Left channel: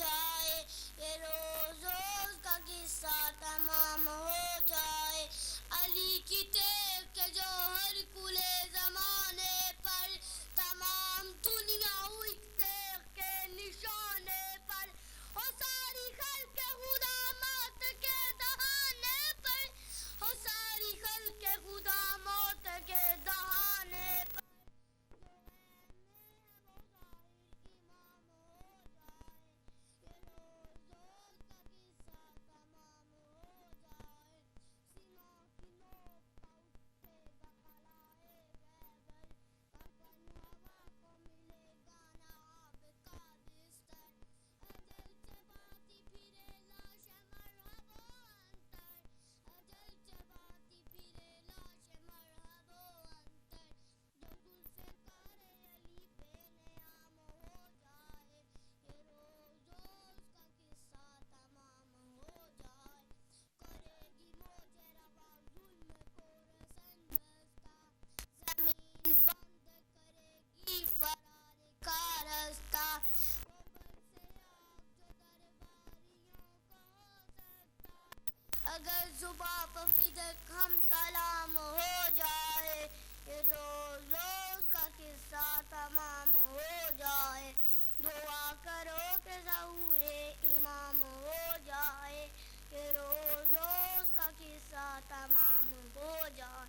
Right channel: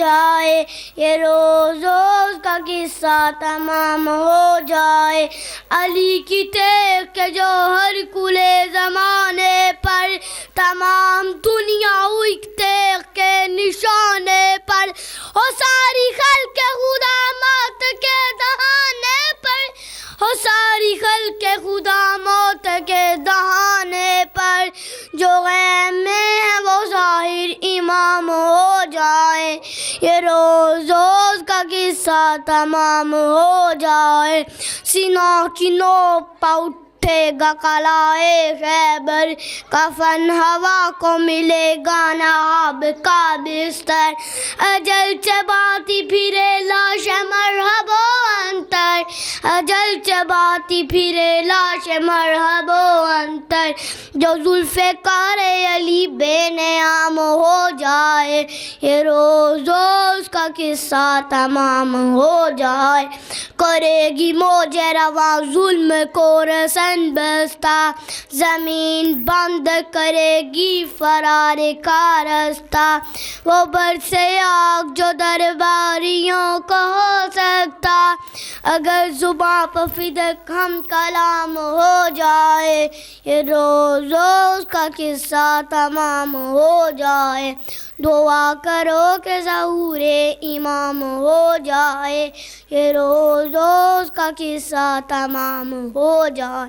جائے، یہ روز روز کا قصہ تمام ہو جائے، علی کی ٹیک کے جو ہر کلے زمانے پر، تمام دنیا ہوئی ٹیک کے نشانے پر، ہو ساری خلق خدا موت کے دہانے پر، ہو ساری خلق خدا موت کے دہانے پر، جو غیب میں ہے وہ ظاہر امام ہو جائے، یہ روز روز کا قصہ تمام ہو جائے، سینا کی نوک پہ اٹھے گا قلعہ خیبر، کفن ہوا کو ملے گا نہ آب کا بستر، اجل چباتی پھرے لاش مرحب و انتر، اجل چباتی پھرے لاش مرحب و انتر، جو ذوالفقار علی بے نیام ہو جائے، یہ روز روز کا قصہ تمام ہو جائے، کرے گی موج رواں ظلم کو رسن بستہ، زمین بند کرے گی فرار کا رستہ، وہ برسے آگ جو درباریوں کو ہو سکتا، اگر زباں پہ فدق ہم کلام ہو جائے، یہ روز روز کا قصہ تمام ہو جائے، دعا کرو کہ ظہور امام ہو جائے، یہ روز روز کا قصہ تمام ہو جائے۔